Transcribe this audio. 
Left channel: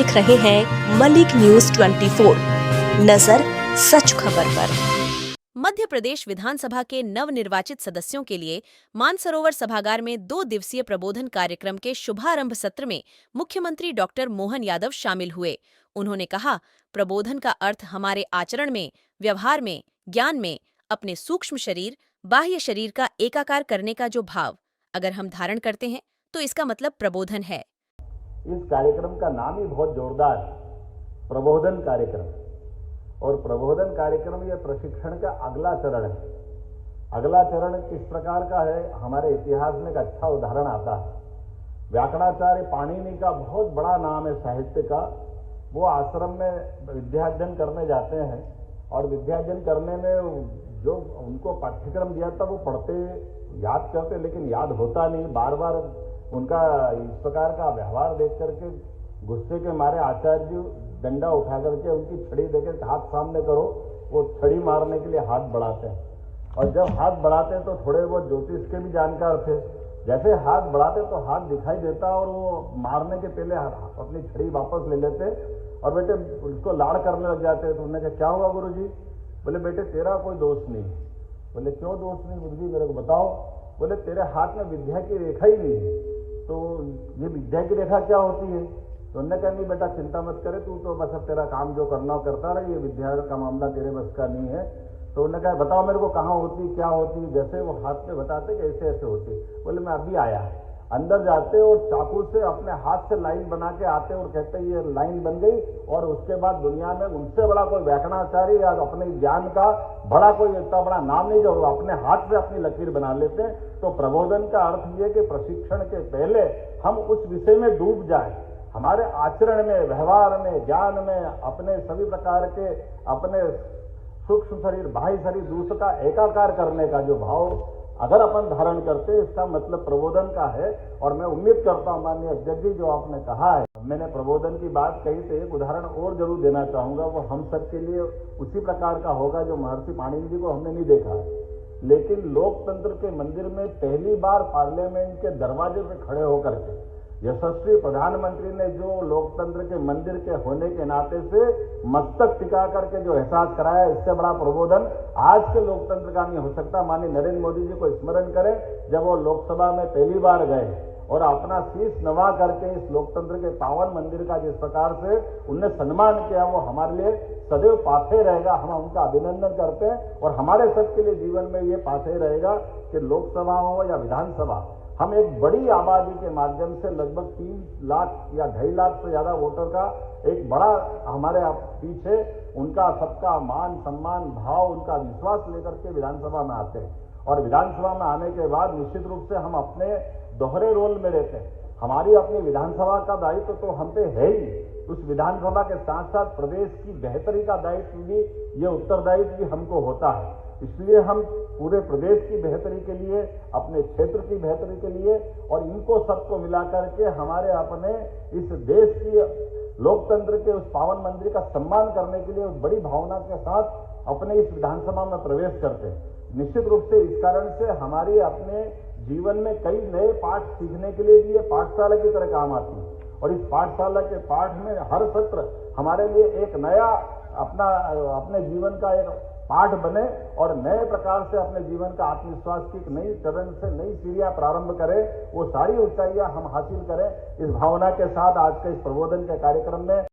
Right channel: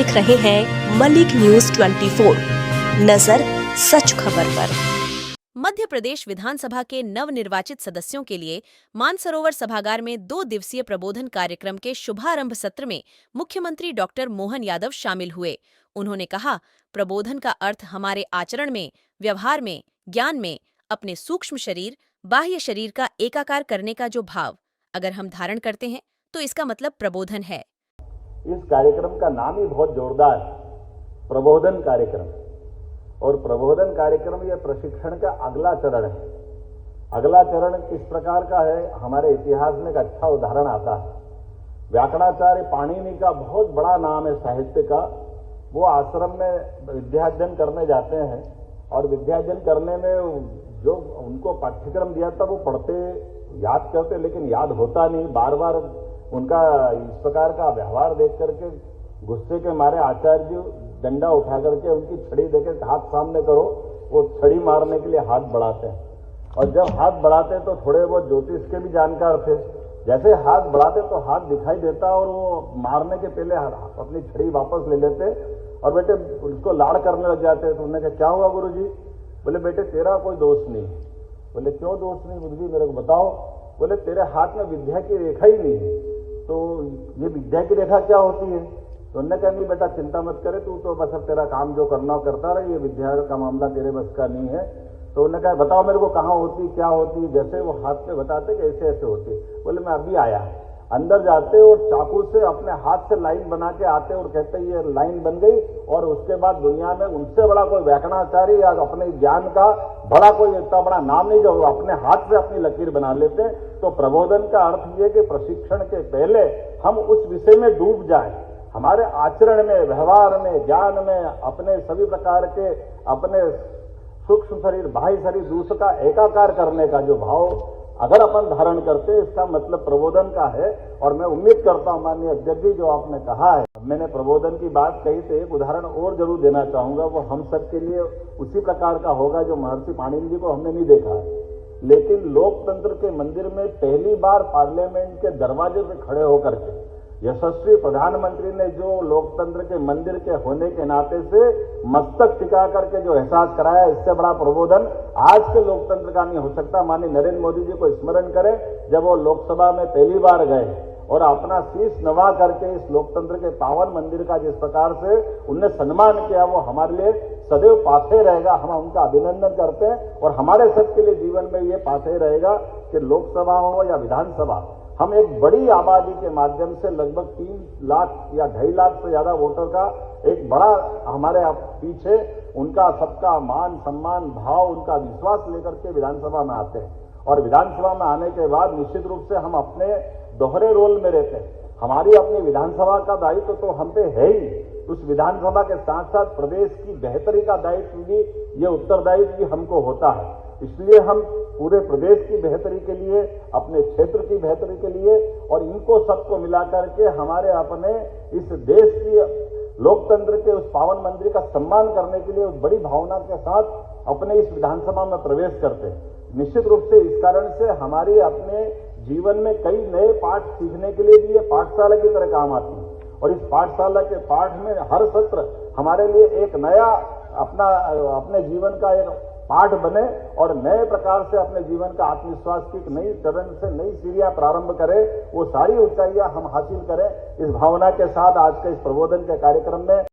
देख रहे हैं मलिक न्यूज 24, नजर सच खबर पर। मध्य प्रदेश विधानसभा के नवनिर्वाचित सदस्यों के लिए मानसरोवर सभागार में 2 दिवसीय प्रबोधन कार्यक्रम के शुभारंभ सत्र में मुख्यमंत्री डॉक्टर मोहन यादव शामिल हुए। उन्होंने कहा, प्रबोधन का अर्थ हमारे आचरण में, व्यवहार में, ज्ञान में अपने सूक्ष्म शरीर, बाह्य शरीर का एकाकार करने का जो भाव अगर हम धारण करते हैं तो इसका मतलब प्रबोधन है। इस कार्यक्रम का नाम ही बहुत जोरदार है, प्रबोधन कार्यक्रम। और प्रबोधन कार्यक्रम यह प्रशिक्षण का अगला चरण है। अगला चरण किस प्रकार का है, हमारे इतिहास में एक अच्छा उदाहरण आता है। व्याकरणाचार्य पाणिनि का बहुत बड़ा नाम है साहित्य का। वो आश्रम में विद्यार्जन करने जाते हैं और विद्यार्जन करने में जो उनको पाठ्यक्रम दिया था वो पढ़ते, याद करते, लेकिन याद होता नहीं। बार बार उनका इस प्रकार का व्यवहार देख करके गुस्से के मारे आचार्य जी डंडा उठा करके उनकी छड़ी देकर हाथ सामने करो, वो छड़ी मारने के लिए हाथ बढ़ाते हैं। और जब हाथ बढ़ाते हैं तो थोड़े वो ज्योतिष के भी जानकार थे। जैसे हाथ बढ़ाते तो हाथ दिखाई देता और वो मारने के पहले अपनी छड़ी वापस ले लेते और बेटे उसको लाड़ करने लग जाते। तो उन्होंने कहा, क्या हुआ गुरु जी? बोले, बेटे तेरा कोई दोष नहीं। बोले, क्यों दोष नहीं गुरु जी, मेरे को बताओ। बोले, तेरे हाथ में विद्या की रेखा ही नहीं है। तो ये विद्या की रेखा क्या होती है? तो उन्होंने कहा, नहीं बेटा चिंता मत करे, तू तो बस अब तेरा काम जो करना करता रहे, ये विद्या का मामला तेरे बस का नहीं है। तो उन्होंने कहा, बताओ मेरे को कहाँ होती, क्या होती? जैसे वो हाथ पे बताते कि ऐसे ऐसे होती। बोले, मैं अभी आया। अंदर जाते और चाकू से अपने हाथ से लाइन बना के आते और कहते ये लाइन बन गई। और उसके बाद दुनिया में उनसे बड़ा कोई व्याकरणाचार्य या अपने ज्ञान का बड़ा कोई इतना बड़ा नाम नहीं जो अपने हाथ से अपनी लकीर बना लेते। तो प्रबोधन का अर्थ ये कि प्रशिक्षण के पहले हम उस विषय में डूब जाएं, हमारे आचरण में, व्यवहार में, ज्ञान में, अपने सभी प्रकार के अपने सूक्ष्म शरीर, बाह्य शरीर, दूसरे का एकाकार करने का जो भाव अगर अपन धारण करते हैं, इसका मतलब प्रबोधन का है। और मैं उम्मीद करता हूं माननीय अध्यक्ष जी, जो आपने कहा है, मैंने प्रबोधन की बात कही तो एक उदाहरण और जरूर देना चाहूंगा। वो हम सबके लिए उसी प्रकार का होगा जो महर्षि पाणिनि जी को हमने नहीं देखा है। लेकिन लोकतंत्र के मंदिर में पहली बार पार्लियामेंट के दरवाजे पे खड़े होकर के यशस्वी प्रधानमंत्री ने जो लोकतंत्र के मंदिर के होने के नाते से मस्तक टिका करके जो एहसास कराया, इससे बड़ा प्रबोधन आज के लोकतंत्र का नहीं हो सकता। माननीय नरेंद्र मोदी जी को स्मरण करें, जब वो लोकसभा में पहली बार गए और अपना शीश नवा करके इस लोकतंत्र के पावन मंदिर का जिस प्रकार से उनने सम्मान किया, वो हमारे लिए सदैव पाथे रहेगा। हम उनका अभिनंदन करते हैं और हमारे सबके लिए जीवन में ये पाथे रहेगा कि लोकसभा हो या विधानसभा, हम एक बड़ी आबादी के माध्यम से लगभग 3 लाख या 2.5 लाख से ज्यादा वोटर का एक बड़ा हमारे पीछे उनका सबका मान सम्मान भाव, उनका विश्वास लेकर के विधानसभा में आते हैं। और विधानसभा में आने के बाद निश्चित रूप से हम अपने दोहरे रोल में रहते हैं। हमारी अपनी विधानसभा का दायित्व तो हम पे है ही, उस विधानसभा के साथ साथ प्रदेश की बेहतरी का दायित्व भी, ये उत्तरदायित्व भी हमको होता है। इसलिए हम पूरे प्रदेश की बेहतरी के लिए, अपने क्षेत्र की बेहतरी के लिए और इनको सबको मिलाकर के हमारे अपने इस देश की लोकतंत्र के उस पावन मंदिर का सम्मान करने के लिए उस बड़ी भावना के साथ अपने इस विधानसभा में प्रवेश करते हैं। निश्चित रूप से इस कारण से हमारे अपने जीवन में कई नए पाठ सीखने के लिए भी ये पाठशाला की तरह काम आती है। और इस पाठशाला के पाठ में हर सत्र हमारे लिए एक नया अपने जीवन का एक पाठ बने और नए प्रकार से अपने जीवन का आत्मविश्वास की नई चरण से नई सीढ़ियां प्रारंभ करें, वो सारी ऊंचाइयां हम हासिल करें। इस भावना के साथ आज के इस प्रबोधन के कार्यक्रम में